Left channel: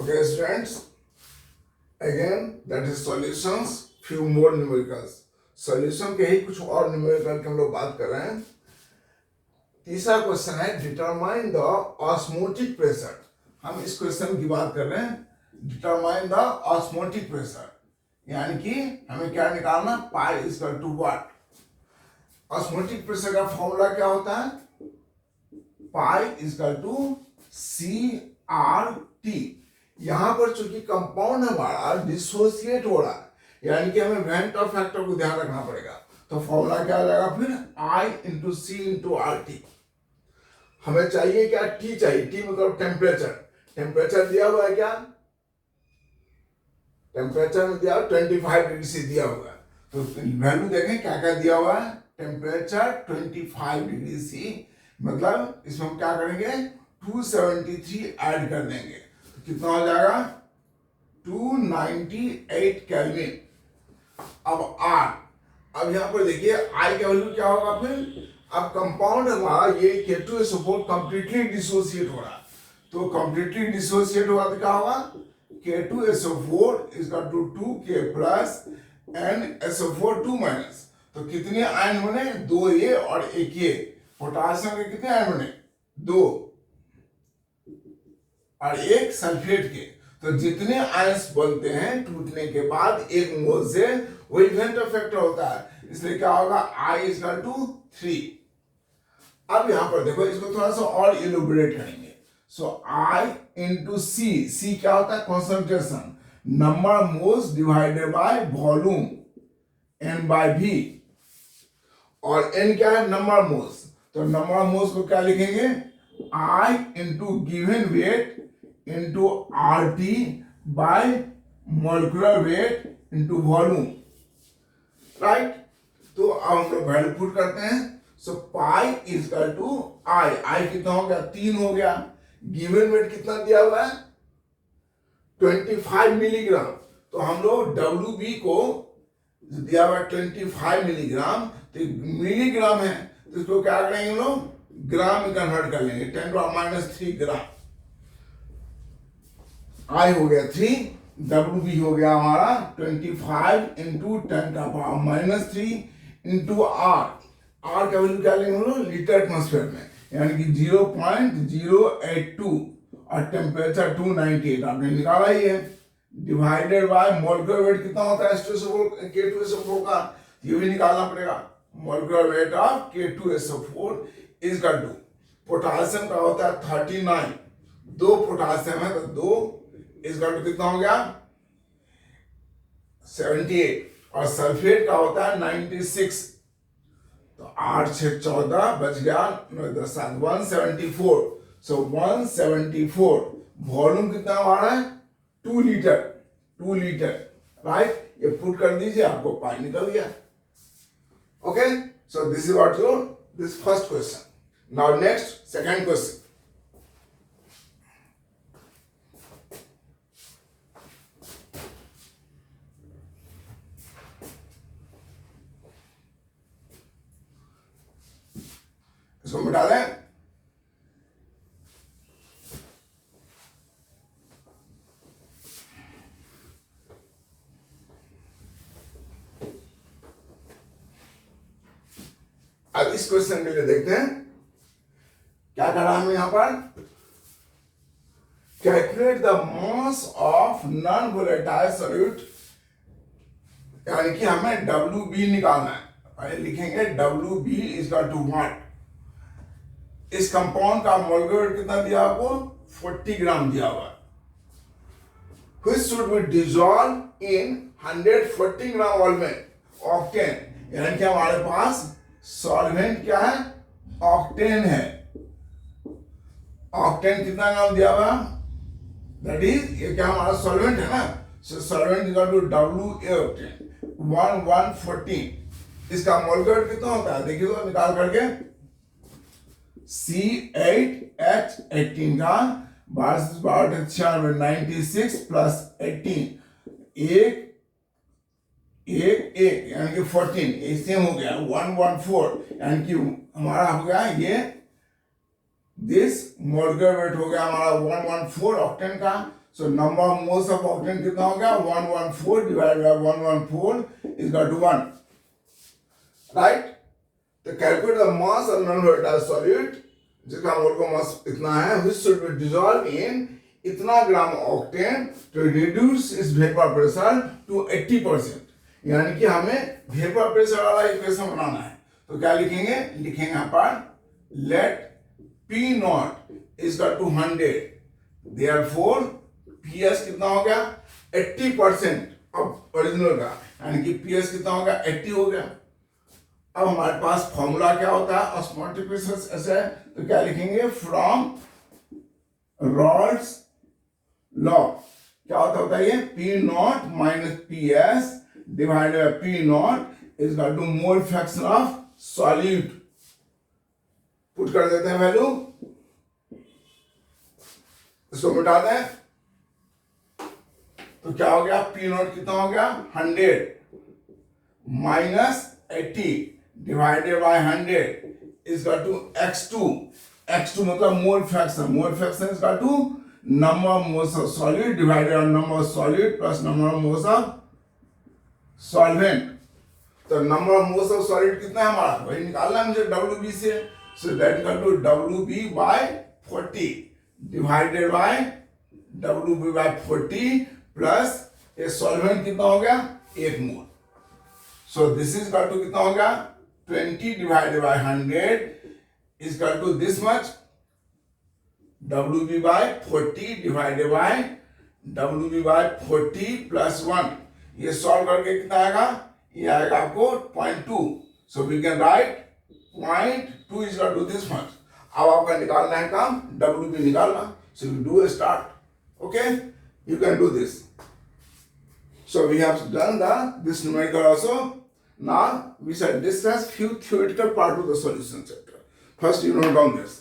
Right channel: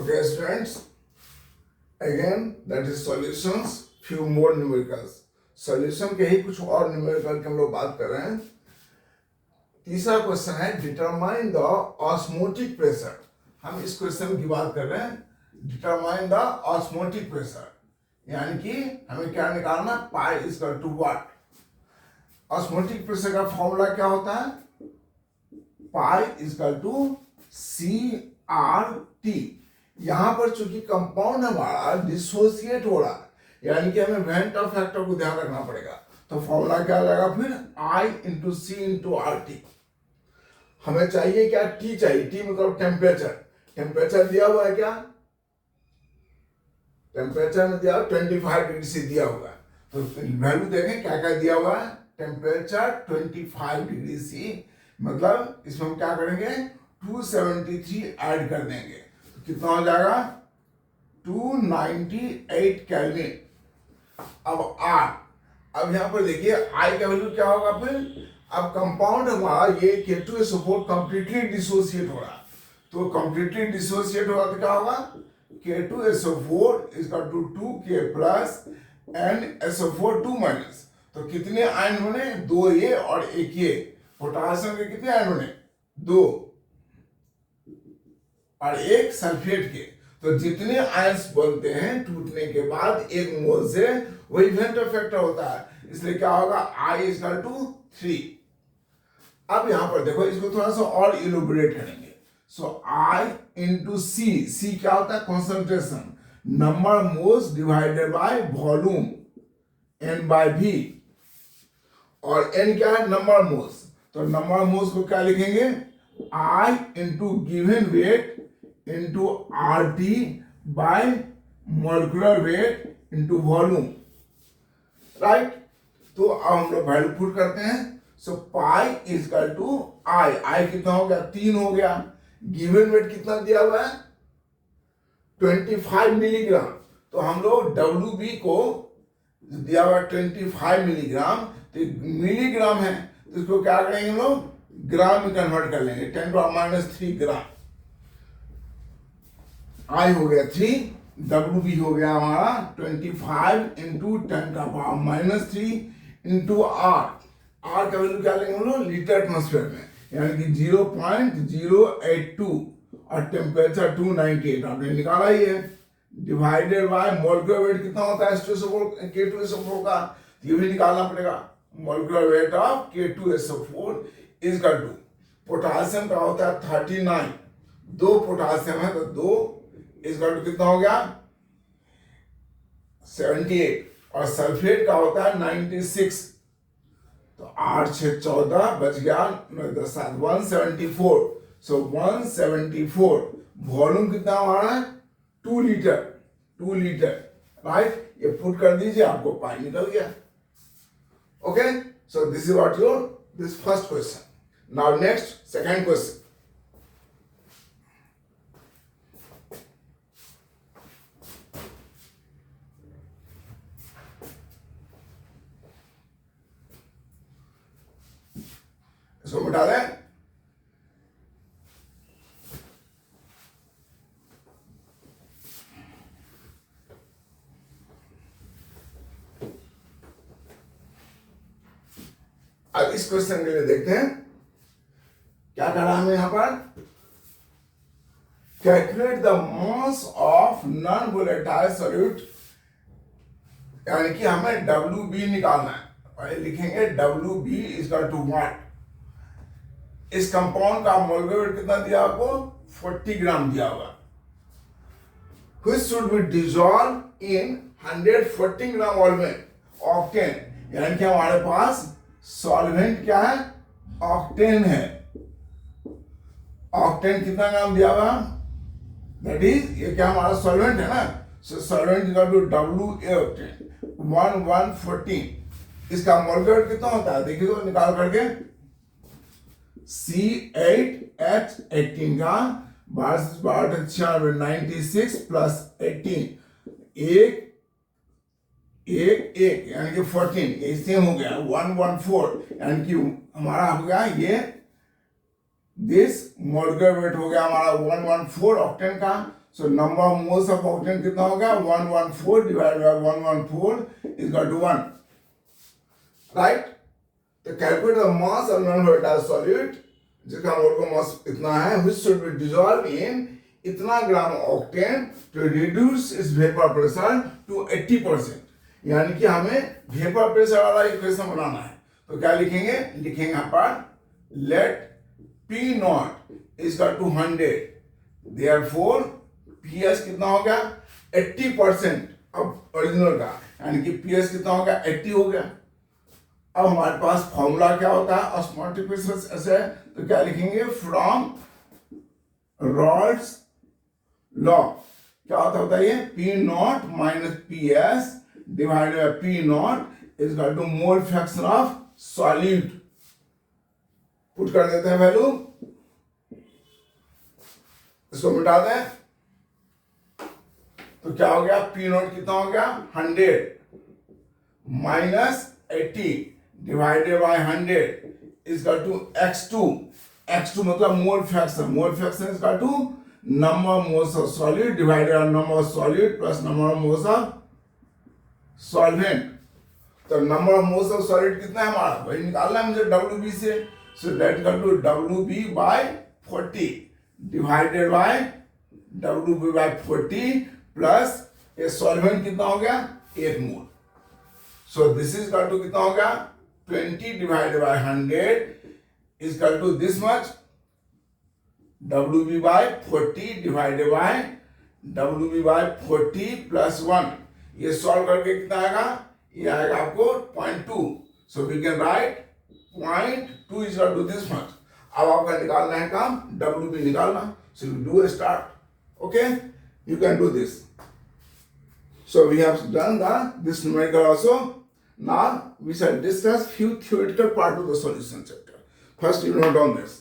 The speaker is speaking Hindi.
Okay, students, again that is solutions, few more numericals. Solution के ही कुछ और न्यूमेरिकल की हम लोग बात कर रहे हैं. तीसरा क्वेश्चन है डिटरमाइन द ऑस्मोटिक प्रेशर. हम इस क्वेश्चन की बात कर रहे हैं डिटरमाइन द ऑस्मोटिक प्रेशर, यानी कि हमें क्या निकालना, pi is equal to what. Osmotic pressure का फॉर्मूला क्या होता है, pi is equal to CRT. यहां पर चूंकि कंपाउंड हमारा डिसोसिएट हो रहा है, यानी कि हमें वेंटर फैक्टर को ध्यान रखना पड़ेगा. तो फॉर्मूला क्या हो जाएगा फिर, I into C into RT. हमें चाहिए क्या, T चाहिए. T मतलब टेम्परेचर. टेम्परेचर दिया हुआ है क्या, टेम्परेचर में दिया 25 डिग्री से दिया हुआ है. तो वैल्यू देखें क्या क्या दिया हुआ है, टेम्परेचर 25 डिग्री सी, मतलब इसमें हम क्या करेंगे 273 ऐड कर देंगे. तो कितना हो जाएगा 298 केल्विन. अब R, अब यहां पर देखिए I का वैल्यू क्या होगा फिर. अब कंपाउंड हमारा ये K2SO4 कंप्लीटली डिसोसिएट हो रहा है. तो कंप्लीटली डिसोसिएट हो रहा तो क्या होगा, K2SO4 is equal to 2K plus NSO4 2 minus. तो कितने आयन बने, 2 ये और 1 ये. पोटासियम के कितने आयन बने, 2 और 1 सल्फेट के. तो जितने आयंस बनते हैं टूटने के बाद एक मोल से, वही वेंटर फैक्टर होता है. इसलिए क्या होगा, I इज इक्वल टू 3. अब यहां पर देखो, इसको थोड़ा सा और इलुबरेट करेंगे. सो I इंटू C क्या होता है, concentration, number moles divided by volume N by V. और N क्या है, नंबर मोल्स. तो नंबर मोल्स को क्या लिखेंगे, I into given weight into RT by molecular weight into volume. Right. तो अब हम लोग वैल्यू पुट करते हैं. So pi is equal to I कितना हो गया, 3 हो गया. गिवन वेट कितना दिया हुआ है, 25 मिलीग्राम. तो हम लोग WB को दिया हुआ 25 मिलीग्राम, तो मिलीग्राम है, तो इसको क्या करेंगे हम लोग, ग्राम में कन्वर्ट कर लेंगे. 10⁻³ ग्राम. I हो गया 3, WB हो गया हमारा 25 इंटू 10⁻³ इंटू R. R का वैल्यू क्या लेंगे हम लोग, लीटर एटमॉस्फेयर में, यानी कि 0.082 और टेम्परेचर 298 आपने निकाला ही है. डिवाइडेड बाय मोलिकुलर वेट कितना होता है K2SO4 का, ये भी निकालना पड़ेगा. Molecular weight of K2SO4 is equal to, potassium का होता है 39, 2 पोटासियम है तो 2 इज इक्वल टू कितना हो गया 78, और सल्फेट का होता है 96. तो 8 6 14 बच गया 174. सो 174. वॉल्यूम कितना हमारा है, 2 लीटर. राइट. ये पुट कर दीजिए, आपको पाई निकल गया. Okay. So this is what your this first question. Now next second question. इसको मिटा दें. अब इस क्वेश्चन के लिए देखते हैं क्या करा हमें यहां पर. Calculate the mass of non volatile solute, यानी कि हमें WB निकालना है. पहले लिखेंगे WB is equal to what. इस कंपाउंड का मोलिकुलर वेट कितना दिया आपको, 40 ग्राम दिया हुआ. Which should be dissolve in 140 gram volume octane, यानी कि हमारे पास सॉल्वेंट क्या है, ऑक्टेन है. ऑक्टेन कितना ग्राम दिया हुआ, दैट इज ये क्या हमारा सॉल्वेंट है ना. So solvent equal to WA octane 114. इसका मोलिकुलर वेट कितना होता है, देखिए तो निकाल करके, C8H18 का 96 प्लस 18 एक यानी कि 14, ये सेम हो गया 114, यानी कि हमारा हो गया ये दिस मोलिकुलर वेट हो गया हमारा 114 ऑक्टेन का. So number of moles of octane कितना हो गया 114 divided by 114 is equal to 1. Right? तो calculate the mass of non-volatile solid जिसका मोल मास इतना है which should be dissolved in इतना ग्राम octane to reduce its vapor pressure to 80%. यानी कि हमें vapor pressure वाला इक्वेशन बनाना है. तो क्या लिखेंगे? लिखेंगे यहाँ पर let P naught is equal to 100. Therefore PS कितना हो गया 80% अब ओरिजिनल का, यानी कि PS कितना हो गया 80 हो गया. अब हमारे पास फॉर्मूला क्या होता है ऑस्मोटिक प्रेशर ऐसे, तो क्या लिखेंगे फ्रॉम रॉल्स लॉ क्या होता है ये P naught minus PS divided by P naught is equal to mole fraction of solute. Put कर देते हैं वैल्यू, इसको मिटा दें तो क्या हो गया P नॉट कितना हो गया 100 minus 80 divided by 100 is equal to x2. x2 मतलब mole fraction, mole fraction is equal to number of moles of solid divided by number of solid plus number of moles of solvent. तो number of moles of solid कितना है हमारा वही निकालना है मुझे WB से. So that equal to WB by 40 divided by WB by 40 plus ये सॉल्वेंट कितना हो गया 1 mole. So this is equal to कितना हो गया 20 divided by 100 is equal to this much WB by 40 divided by WB by 40 plus 1. ये सॉल्व करके कितना आएगा, ये आएगा आपको 0.2. So we can write 0.2 is equal to this much. अब आपका निकालना है काम WB निकालना. So you do start. Okay, you can do this. So we have done this numerical also. Now we shall discuss few theoretical part of the solution chapter. First you note down this.